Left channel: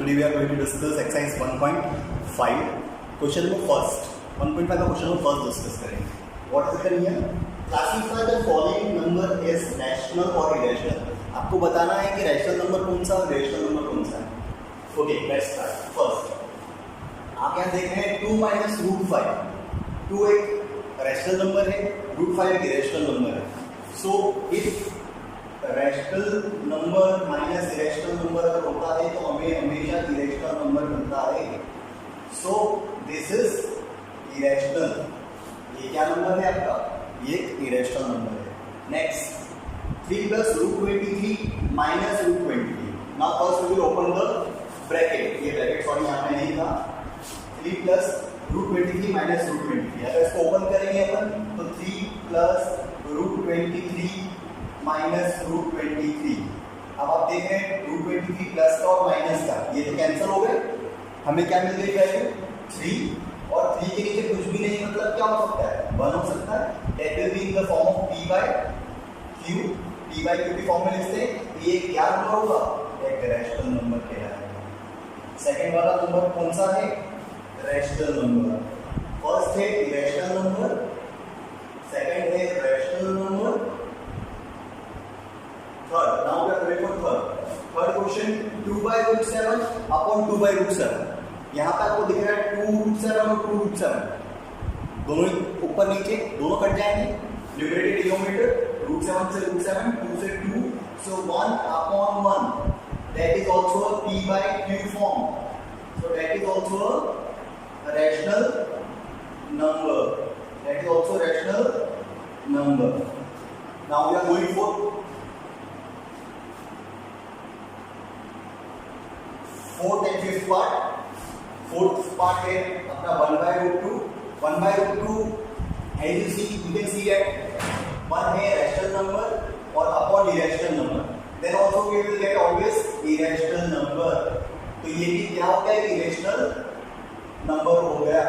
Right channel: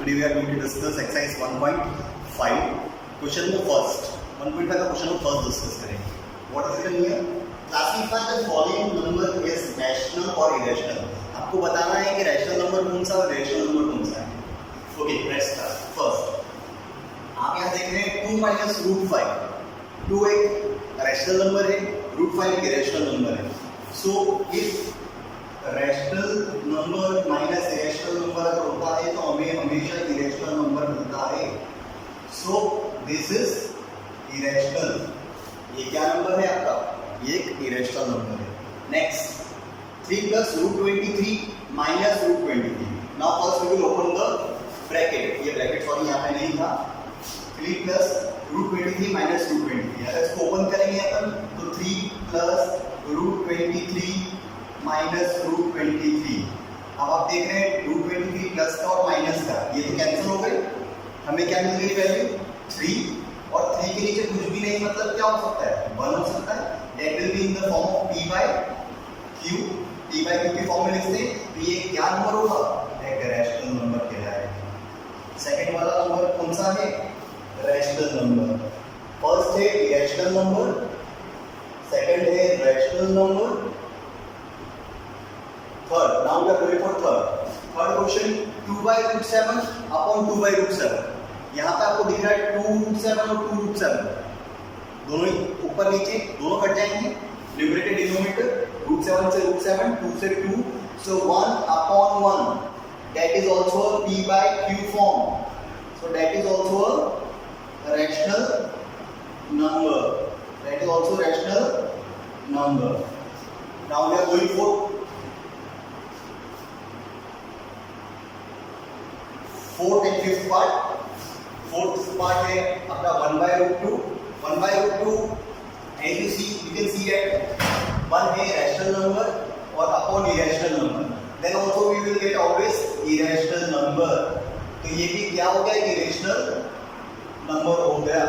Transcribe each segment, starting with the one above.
Today we are going to discuss exercise 1.5 question number first. 1.5 का question number first discuss करेंगे. What is written here? Classify the following number as rational or irrational. आपको बताना है कि rational number कौन सा और irrational number कौन सा है. Okay, let's start. First, आप यहाँ देख रहे हैं 2 minus root 5. 2 एक rational number है, root 5 एक irrational number है. So if rational number minus irrational number अगर होता है तो हमें हमेशा इरेशनल नंबर मिलता है. So this is irrational. ये क्या नंबर है आपका? ये एक इरेशनल नंबर है. Next 3 plus root 23 minus root 23. Now first we will open the bracket. ये ब्रैकेट सॉरी यहाँ पे नहीं था. 3 प्लस रूट 23 माइनस रूट 23. अगर इसको ओपन करेंगे अपन तो 3 प्लस रूट 23 माइनस रूट 23. अब आप देख रहे हैं रूट 23 प्लस का और माइनस का ये तो कैंसिल हो गए. हमें क्या मिल गई वैल्यू 3 और 3 के नीचे कुछ भी नहीं मतलब क्या हो सकता है 1 हो सकता है. That will be in the form of p by q. p by q की फॉर्म में लिखते हैं तो ये क्या नंबर होगा? एक रैशनल नंबर कहलाएगा. सेकंड वाला नंबर कौन सा है? Rational number. फर्स्ट है इरेशनल नंबर, सेकंड है rational number. Third, now we are going for third. Third question 2 by root 7 upon 2 by root 7. यहाँ पे आपको दिख रहा है 2 root 7 और 2 root 7. दोनों ही ऊपर नीचे दोनों कट जाएंगे. न्यूमरेटर डिनोमिनेटर root 7 से root 7, 2 से 2. So 1 upon 1. That is also a p by q form. So that is also a rational number. That is also a rational number. Now we are going for fourth and fifth part. Fourth part है अपना 1 by root 2. 1 by root 2 as you see you can see that 1 है rational number और upon irrational number. Then also we will get always irrational number. तो ये भी क्या हो गया? irrational number हो गया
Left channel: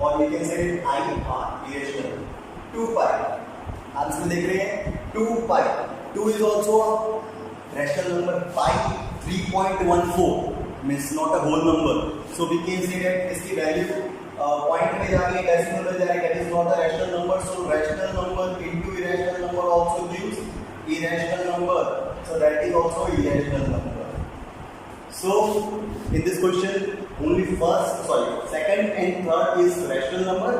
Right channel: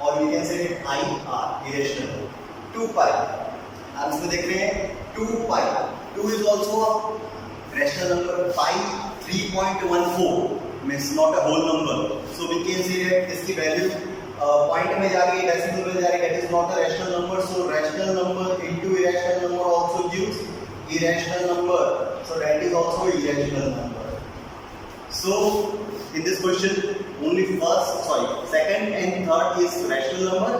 और we can say it IR irrational. 2 pi आप इसमें देख रहे हैं 2 pi. 2 is also a rational number. pi 3.14 means not a whole number. So we can say that इसकी वैल्यू पॉइंट में जा रही है, डेसिमल में जा रही है. That is not a rational number. So rational number into irrational number also gives irrational number. So that is also irrational number. So in this question only second and third is rational number.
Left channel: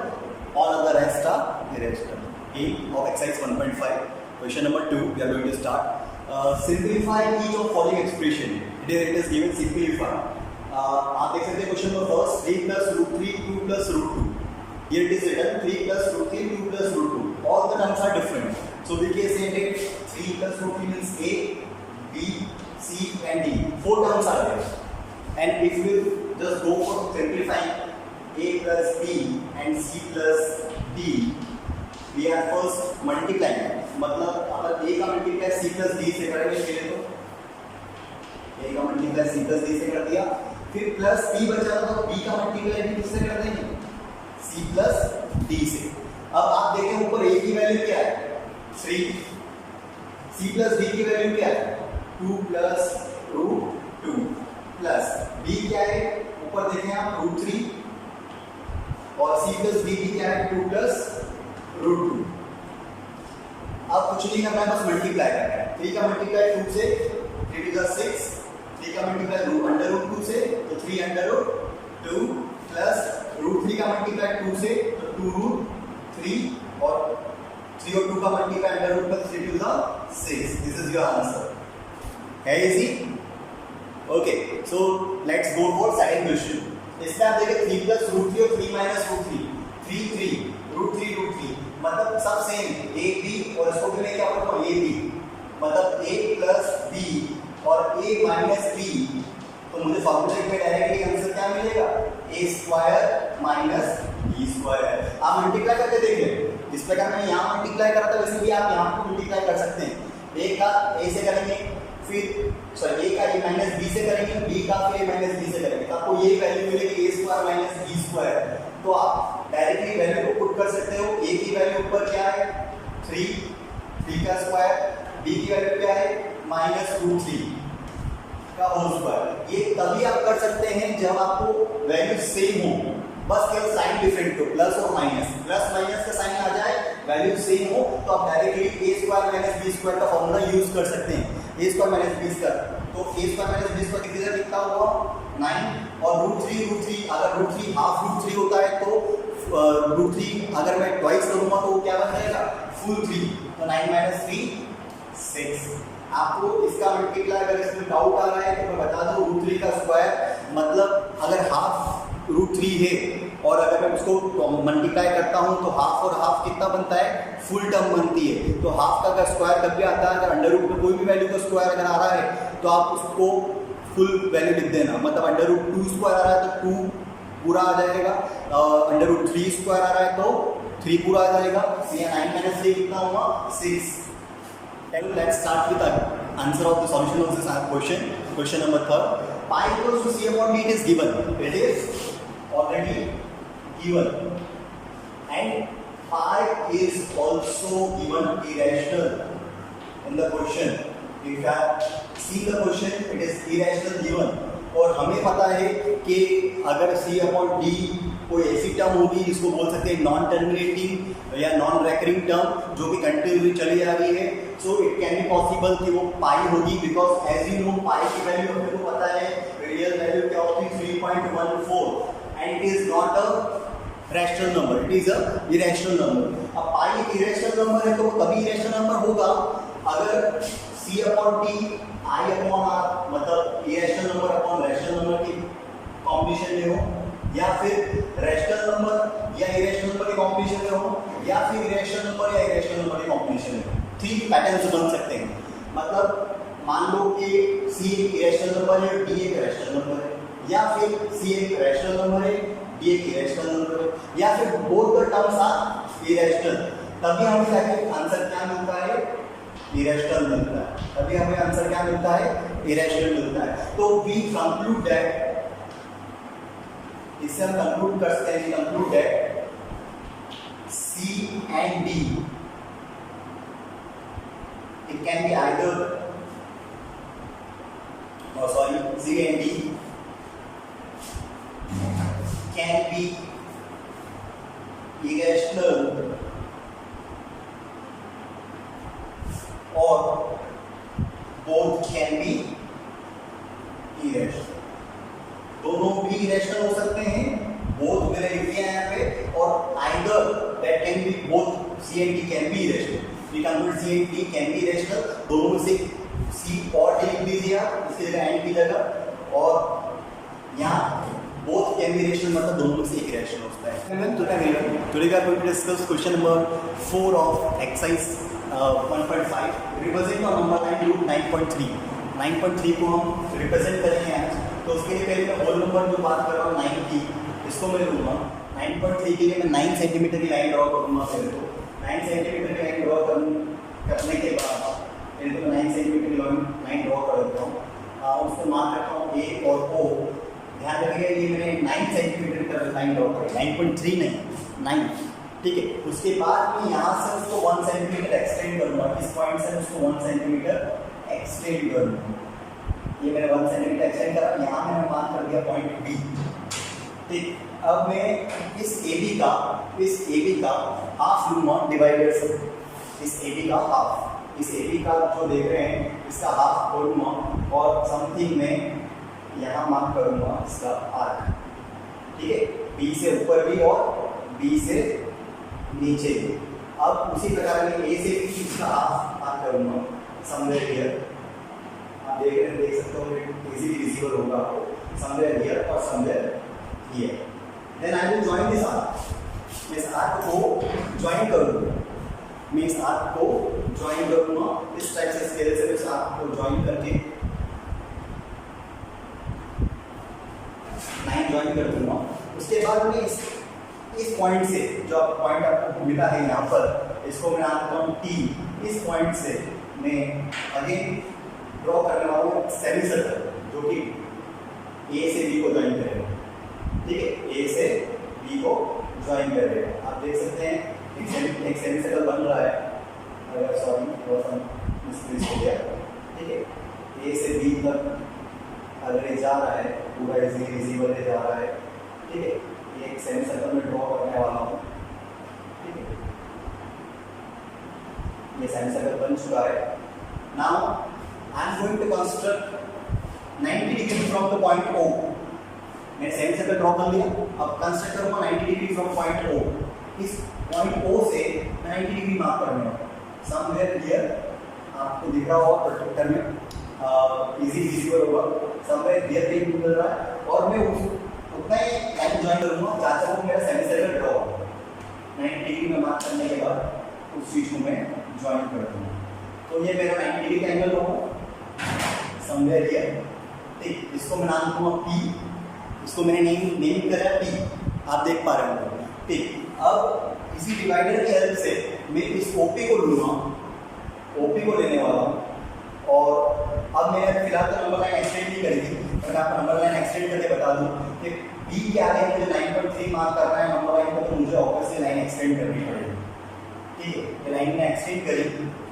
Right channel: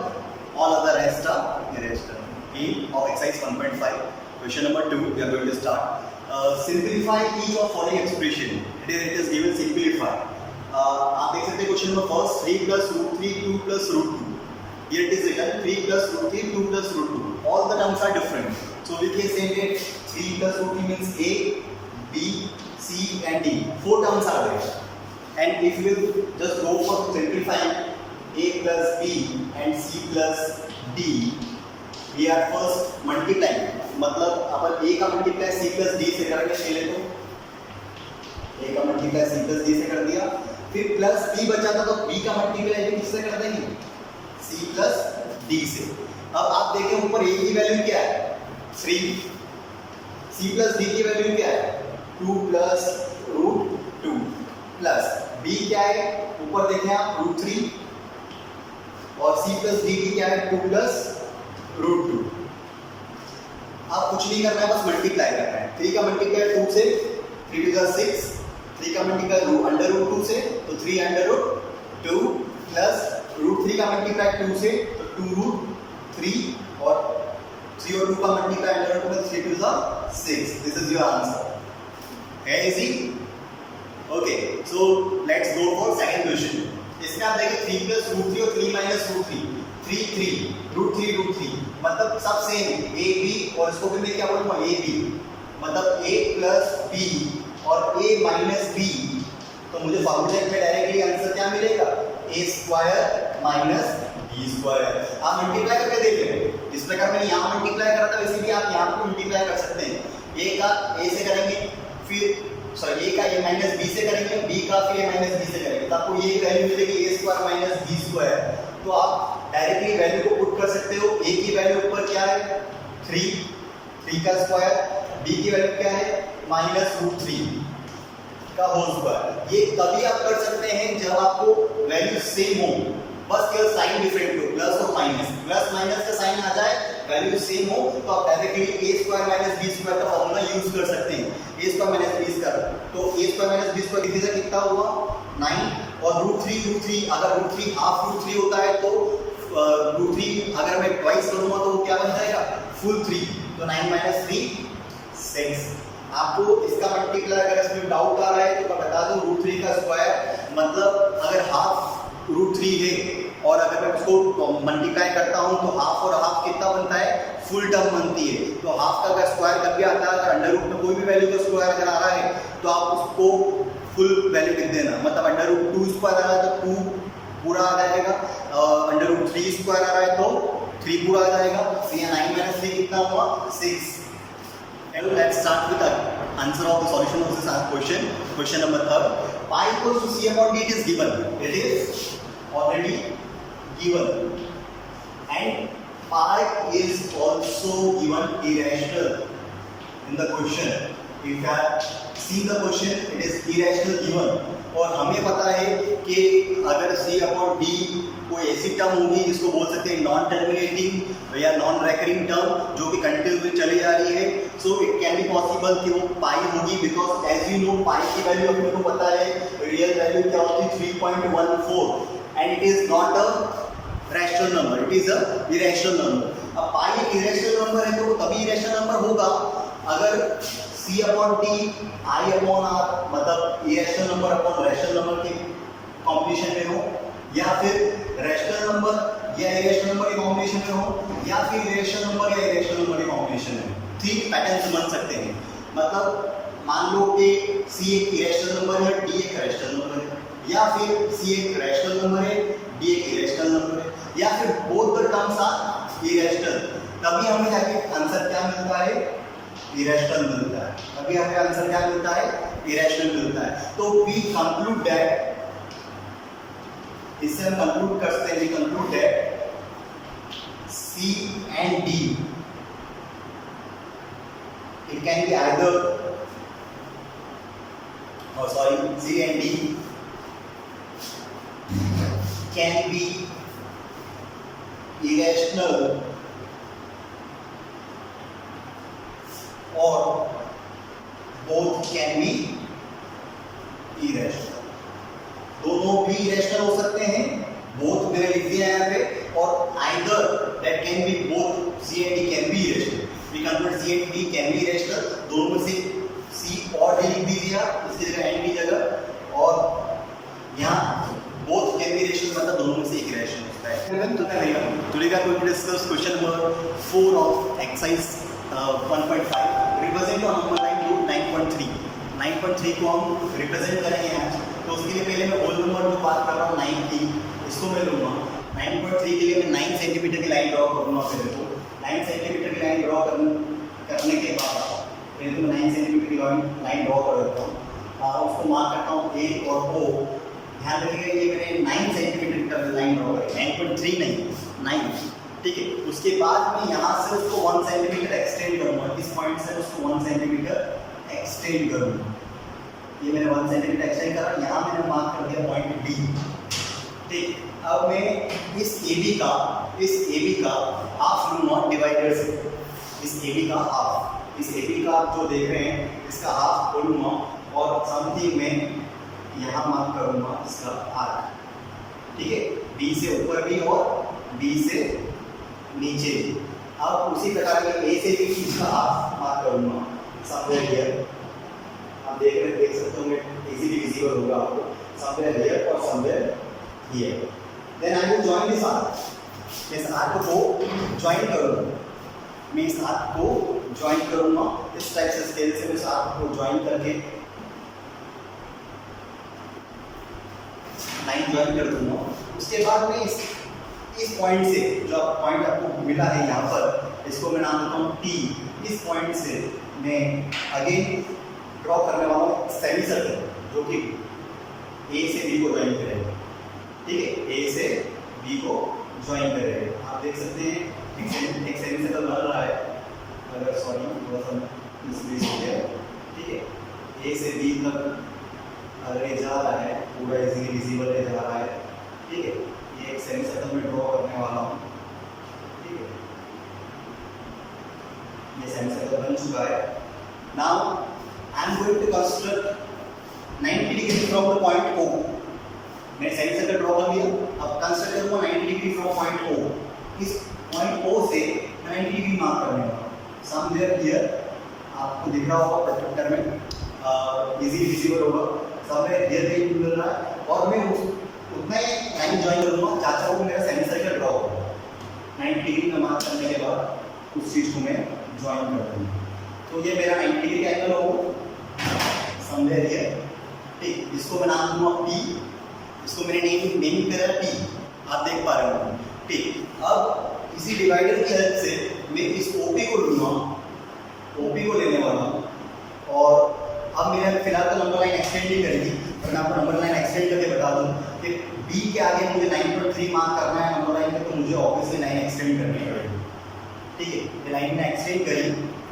All other rest are irrational. End of exercise 1.5. Question number 2 we are going to start. Simplify each of following expression. Here it is given simplify. आप देख सकते हैं question number first 3 plus root 3 2 plus root 2. Here it is written 3 plus root 3 2 plus root 2. All the terms are different. So we can say that 3 plus root 3 means a, b, c and d. 4 terms are there. And if we just go for simplifying a plus b and c plus d, we are first multiplying. मतलब अपन a का multiply c plus d से करेंगे पहले तो a का multiply c plus d से कर दिया. फिर प्लस b बचा था तो b का मल्टीप्लाई भी किससे कर देंगे? c प्लस d से. अब आप देखें ऊपर a की वैल्यू क्या है? 3. c प्लस d की वैल्यू क्या है? 2 प्लस रूट 2 प्लस b क्या है? ऊपर देखें आप रूट 3 और c प्लस d की क्या है? 2 प्लस रूट 2. अब कुछ नहीं करना है, बस मल्टीप्लाई करना है. 3 का मल्टीप्लाई 2 से 3 to the 6. 3 का मल्टीप्लाई अंडर रूट 2 से तो 3 अंडर रूट 2 प्लस रूट 3 का मल्टीप्लाई 2 से तो 2 रूट 3 और 3 और 2 का मल्टीप्लाई अंडर रूट में 3 to the 6. This is your answer. है easy? Okay, so let's go for second question. इसमें आप देखिए 3 प्लस रूट 3 और 3 माइनस रूट 3. 3 रूट 3 मतलब सब सेम a b और इसको भी मैं क्या बोलूँगा a b मतलब a प्लस b और a माइनस b. तो मुझे फॉर्मूले में डायरेक्टली आंसर क्या मिलेगा? a square minus b square. आप मल्टीप्लाई करके देख लें. इस प्रकार मैंने यहाँ मल्टीप्लाई करा था वैसे भी आप यहाँ पर मल्टीप्लाई कर सकते हैं. a का a से करेंगे फिर a का a माइनस b से करेंगे, b का फिर a माइनस b से करेंगे तो आपको ये वैल्यू मिलेगी a square minus b square. तो आप डायरेक्टली वैल्यू को पुट कर सकते हो. a की वैल्यू ऊपर क्या है? 3 का स्क्वायर. b की वैल्यू क्या है? Minus root 3. का होल स्क्वायर। ये तभी आप कर सकते हैं जब आपको वैल्यू सेम हो, बस केवल साइन डिफरेंट हो, प्लस और माइनस, प्लस माइनस का साइन आ जाए, वैल्यू सेम हो, तो आप directly A square minus B square का फॉर्मूला यूज कर सकते हैं। A square minus B square, तो A square minus B square कितने से कितना हुआ 9, और रूट थ्री अगर root three half root three होता है तो रूट थ्री अगर मैं ट्वाइस करूंगा तो वो क्या बन जाएगा फुल 3, तो 9 माइनस 3 6। आपको इसका मल्टीप्लाई अगर इसमें डाउट आ रहा है तो मैं बता दूं रूट 3 का स्क्वायर मतलब अगर हाफ रूट 3 है और अगर मैं उसको मल्टीप्लाई करता हूं तो हाफ और हाफ कितना बनता है फुल टर्म बनती है। तो हाफ का अगर स्क्वायर कभी आता है, अगर अंडर रूट में कोई भी वैल्यू का स्क्वायर अगर आ रहा है तो आप उसको फुल वैल्यू लिख देना, मतलब अंडर रूट 2 स्क्वायर आ रहा है तो 2 पूरा आ जाएगा, अंडर रूट 3 स्क्वायर आ रहा है तो 3 पूरा आ जाएगा। तो यहाँ 9 माइनस 3 कितना हुआ 6। Let's start with the answer of the solution of this question. Question number 3. Pi equals to c upon d, it is given. It is already given. And pi is also given irrational in the question. If you have seen the question, it is irrational given. और हमें पता है कि अगर c upon d कोई ऐसी term होगी जिसको बोल सकते हैं नॉन टर्मिनेटिंग या नॉन रेकरिंग टर्म जो कि कंटिन्यूसली चली आ रही है, so it can be possible कि वो पाई होगी, बिकॉज एज यू नो पाई की वैल्यू अपने को पता है रियल वैल्यू क्या होती है 3.14 and it is not a rational number, it is a irrational number. अब पाई एक इरेशनल नंबर है तो वो तभी इरेशनल नंबर होगा अगर c upon t i upon r मतलब irrational number upon rational number के कॉम्बिनेशन में हो, या फिर रैशनल नंबर या इरेशनल नंबर के कॉम्बिनेशन में हो, या फिर इरेशनल नंबर या इरेशनल नंबर के कॉम्बिनेशन में हो। 3 पैटर्न्स बन सकते हैं। मतलब मान लो कि c एक इरेशनल नंबर है, d एक रैशनल नंबर है, या फिर c एक रैशनल नंबर है, d एक इरेशनल नंबर है, या फिर both the terms are irrational, तभी हमें जाके आंसर क्या मिलता है इरेशनल मिलता है, तभी हमें आंसर क्या मिलता है इरेशनल मिलता है। तो वी कंक्लूड दैट, इससे हम कंक्लूड कर सकते हैं, conclude that C and D it can be either C and D can be irrational or both can be irrational। दोनों भी इरेशनल हो सकते हैं, बोथ मैंने लिख दिया है यहाँ पे, और either that can be both C and D can be irrational. We conclude C and D can be irrational, दोनों में से सी और डी लिख दीजिए आप इसकी जगह एंड की जगह, और यहाँ बोथ कैन बी इरेशनल मतलब दोनों में से एक इरेशनल होता है। Today we are going to discuss question number 4 of exercise 1.5 represent on number line root 9.3। 9.3 को हम रिप्रेजेंट करेंगे आज, तो उसके लिए पहले मैं होल नंबर जो बात कर रहा हूँ 9 की, इसको मैं लूँगा। 9.3 के लिए मैं 9 सेंटीमीटर की लाइन ड्रॉ करूँगा। पहले तो 9 सेंटीमीटर की लाइन ड्रॉ करने के बाद पहले तो मैं 9 सेंटीमीटर की लाइन ड्रॉ कर देता हूँ, उसको मार्क करता हूँ ए और ओ। ध्यान रखिएगा ये मैंने 9 सेंटीमीटर का लाइन ड्रॉ करें, 9.3 नहीं 9, ठीक है। उसके बाद मैं यहाँ से उसको 1 सेंटीमीटर एक्सटेंड करूँगा, इस पॉइंट से उसको 1 सेंटीमीटर एक्सटेंड करूँगा। ये मैंने 1 सेंटीमीटर एक्सटेंड करा, यहाँ मैंने मार्क कर दिया पॉइंट डी, ठीक। अब मैं इस ए बी का हाफ लूँगा डिवाइडर से, इस ए बी का हाफ, इस ए बी का जो देख रहे हैं इसका हाफ खोलूँगा और समथिंग में यहाँ मार्क करूँगा इसका आर्क, ठीक है, बी से ऊपर भी और बी से नीचे भी। अब उसी प्रकार में ए से बी इसका हाफ मार्क करूँगा समवेयर हियर, आप देख सकते होंगे इजीली विजिबल होगा आपको, समवेयर हियर और somewhere here. Then I will join this arc, इस आर्क को जॉइन करूँगा, मैं इस आर्क को जॉइन करूँगा इस टाइप से, स्केल से मैं इस आर्क को जॉइन करके 9 जॉइन कर दूँगा। उसके बाद मैं इस पॉइंट से, जो पॉइंट आपको मिला है यहाँ पर, इसको मैं नाम देता हूँ T, इस पॉइंट से मैं अगेन ड्रॉ करने वाला हूँ सेमी सर्कल जो कि ए से बी को ज्वाइन करेगा, ठीक है, ए से बी को ज्वाइन करेगा। आप देख सकते हैं एक सेमी सर्कल बन रहा है, अगर सॉरी थोड़ा सा मिसप्लेस हो गया, ठीक है, ए से बी तक जा रहा है, पूरा इजीली विजिबल पे जा रहा है, ठीक है। ये एक सेमी सर्कल में ड्रॉ करने वाला हूँ, ठीक है। ये सेमी सर्कल बन चुका है। Now I am going to construct 90 degree from the point O। मैंने सेमी सर्कल ड्रॉ कर लिया, अब कंस्ट्रक्ट करूँगा 90 डिग्री फ्रॉम पॉइंट O। इस पॉइंट O से 90 डिग्री मार्क करने वाला हूँ समवेयर हियर। आपको दिख रहा होगा प्रोजेक्टर में, इजी विजिबल होगा, समवेयर हियर पे मिल रहा है। और मैं उतना ही लाइन ज्वाइन करूँगा, चाहता हूँ मेरा सेमी सर्कल ड्रॉ हो 90 डिग्री में मार्क करने के बाद उस चीज़ को मैं ज्वाइन कर दूँगा। तो ये मेरा 90 डिग्री का एंगल होगा समवेयर हियर, ठीक। इसको मैं नाम दूँगा P, इसको मैंने नेम करा है P, आप देख पा रहे हो, ठीक। अब इसी डिवाइडर की हेल्प से मैं इस OP को लूँगा, OP को लेने वाला हूँ। और अब मैंने फिलहाल तो नंबर लाइन एक्सटेंड नहीं करेगी, पर मैं आपको नंबर लाइन एक्सटेंड करके बता दूँ कि B के आगे मुझे 9.3 मार्क करना है नंबर लाइन का, तो मुझे ऑब्वियसली लाइन एक्सटेंड करनी पड़ेगी, ठीक है। ये लाइन में एक्सटेंड करी।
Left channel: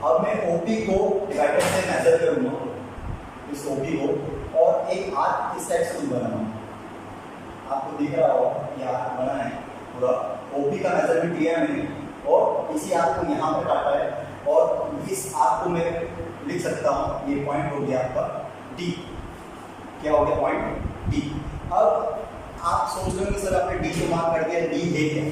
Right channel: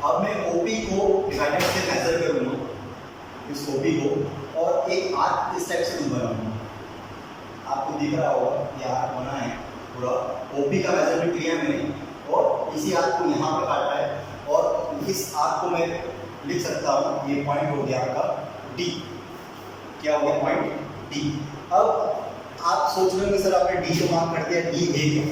अब मैं OP को डिवाइडर से मेजर करूँगा, इस OP को, और एक आर्क इस टाइप से बनाऊँगा। आपको दिख रहा होगा ये आर्क बना है पूरा, OP का मेजरमेंट लिया है मैंने, और इसी आर्क को यहाँ पर काटा है, और इस आर्क को मैं लिख सकता हूँ, ये पॉइंट हो गया आपका D। क्या हो गया? Point D। अब आप सोच रहे होंगे सर आपने D को मार्क कर दिया, D है क्या?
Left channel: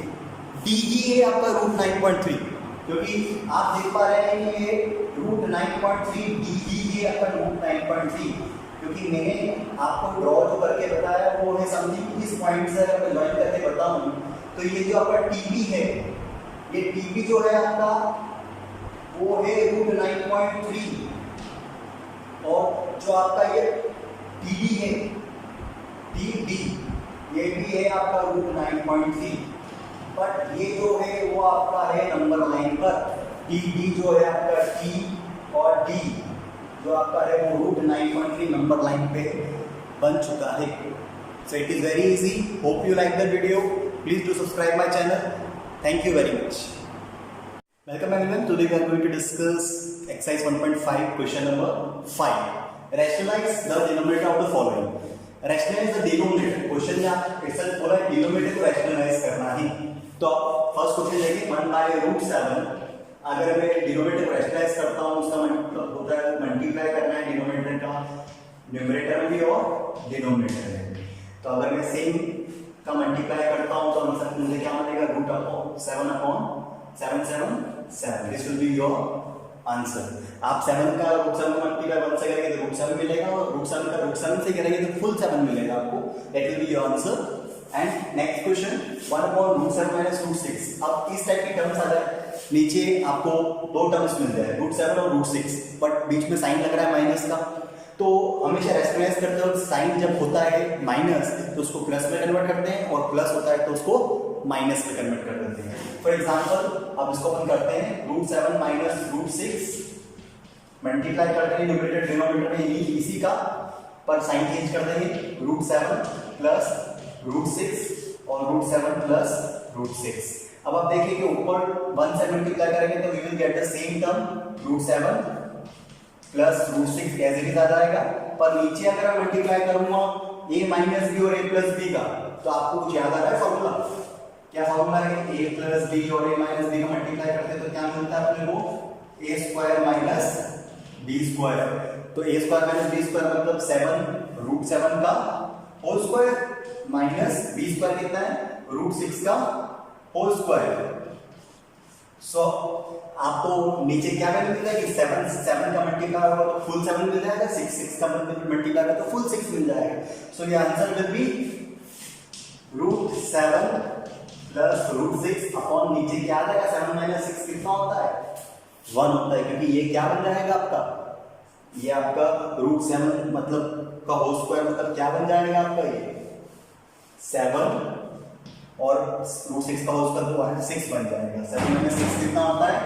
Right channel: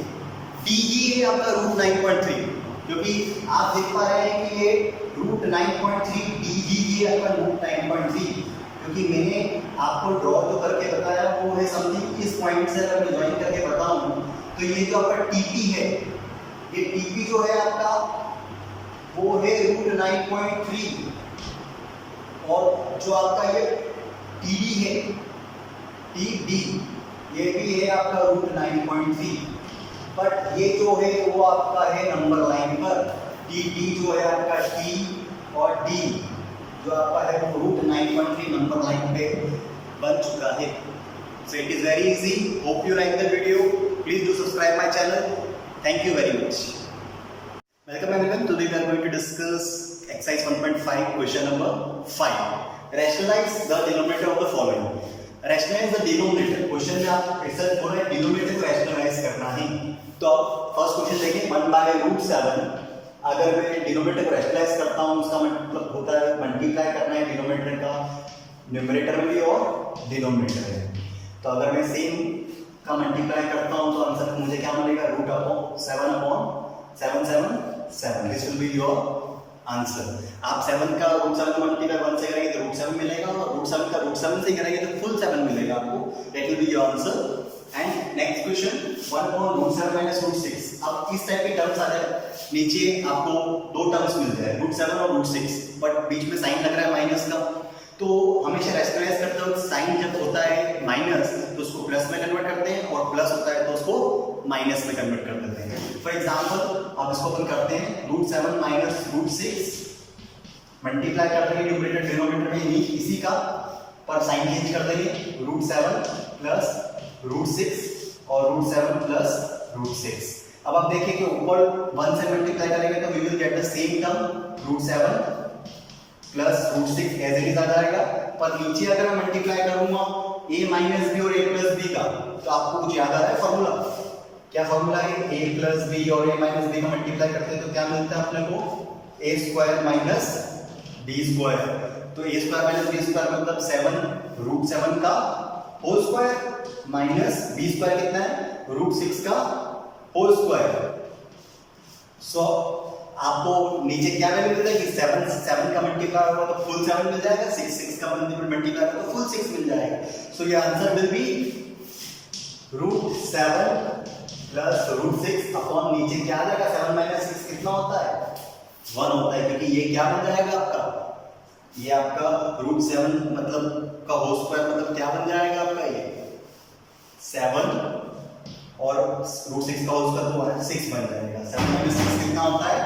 D ही है आपका √9.3, क्योंकि आप देख पा रहे हैं कि ये √9.3 D ही है आपका √9.3, क्योंकि मैंने आपको ड्रॉ जो करके बताया वो है समथिंग इस पॉइंट से अगर मैं ज्वाइन करके बताऊँ तो ये जो आपका TP है, ये TP जो है आपका वो है √9.3, और जो आपका ये TD है, TD, ये भी है आपका √9.3, बट ये जो है वो आपका है नंबर लाइन पर। TD जो है आपका T और D जो आपका है वो √9.3 नंबर लाइन पे बन चुका है। So it is very easy. Hope you like the video. Please do subscribe my channel. Thank you very much. Welcome everyone. Today we are going to discuss exercise 1.5 question number 5. Rationalize the denominator of the following. Rationalize the denominator. Question में आप ऐसा बोला है denominator को rationalise करना है। तो first question देखिए 1/√7। अगर मैं डिनोमिनेटर को रैशनलाइज करता हूँ उसका मतलब होता है मल्टीप्लाई करना है डिनोमिनेटर का न्यूमरेटर में भी और डिनोमिनेटर में। तो अगर मैं सेम का मल्टीप्लाई करता हूँ तो आंसर मुझे क्या मिलेगा? √7/777। This will be your answer. आप 7 का √7 का मल्टीप्लाई 1 से करेंगे तो √7 मिलेगा, और √7 का √7 से करेंगे तो फुल 7 मिलेगा आपको। That will be your answer. And next question 1/√7 - √6। अब इस टाइप के टर्म्स आ जाए, नीचे आपको दो टर्म्स मिल जाए √7 और √6, बट बीच में साइन लग रहा है माइनस का। तो हमेशा रैशनलाइज करते वक्त साइन जब होता है माइनस तो उसको प्लस में कन्वर्ट करते हैं, और प्लस होता है तो उसको माइनस में कन्वर्ट कर देते हैं। फॉर एग्जांपल अब इसको अपन करते हैं √7 - √6 मल्टीप्लाई कर देंगे न्यूमरेटर डिनोमिनेटर में इसी का, पर साइन चेंज कर देंगे √7 + √6 और √7 + √6। अब आप देखिए कि ऊपर 1 से मल्टीप्लाई करेंगे तो we will get the same term √7 + √6 as it is आ जाएगा, पर नीचे अगर मैं मल्टीप्लाई करूंगा a - b और a + b का, तो आपको कुछ याद आ रहा है फॉर्मूला? क्या फॉर्मूला है? a + b और a - b का मल्टीप्लाई करते हैं तो क्या मिलता है अपने को? a² - b²। तो a² - b² मतलब 7 √7 का होल स्क्वायर माइनस b² कितना है? √6 का होल स्क्वायर। सो आपको नीचे क्या वैल्यू मिलता है कि 7 का मल्टीप्लाई होगा तो फुल 7 मिल जाएगा, 6 का मल्टीप्लाई होगा तो फुल 6 मिल जाएगा। सो ये आंसर विल बी √7 + √6 अपॉन नीचे क्या आ जाएगा? 7 - 6 कितना होता है? 1 होता है, क्योंकि ये क्या बन जाएगा आपका? ये आपका √7 मतलब का होल स्क्वायर मतलब क्या बन जाएगा आपका? ये 7 और √6 का होल स्क्वायर तो 6 बन जाएगा। 7 - 6 कितना होता है?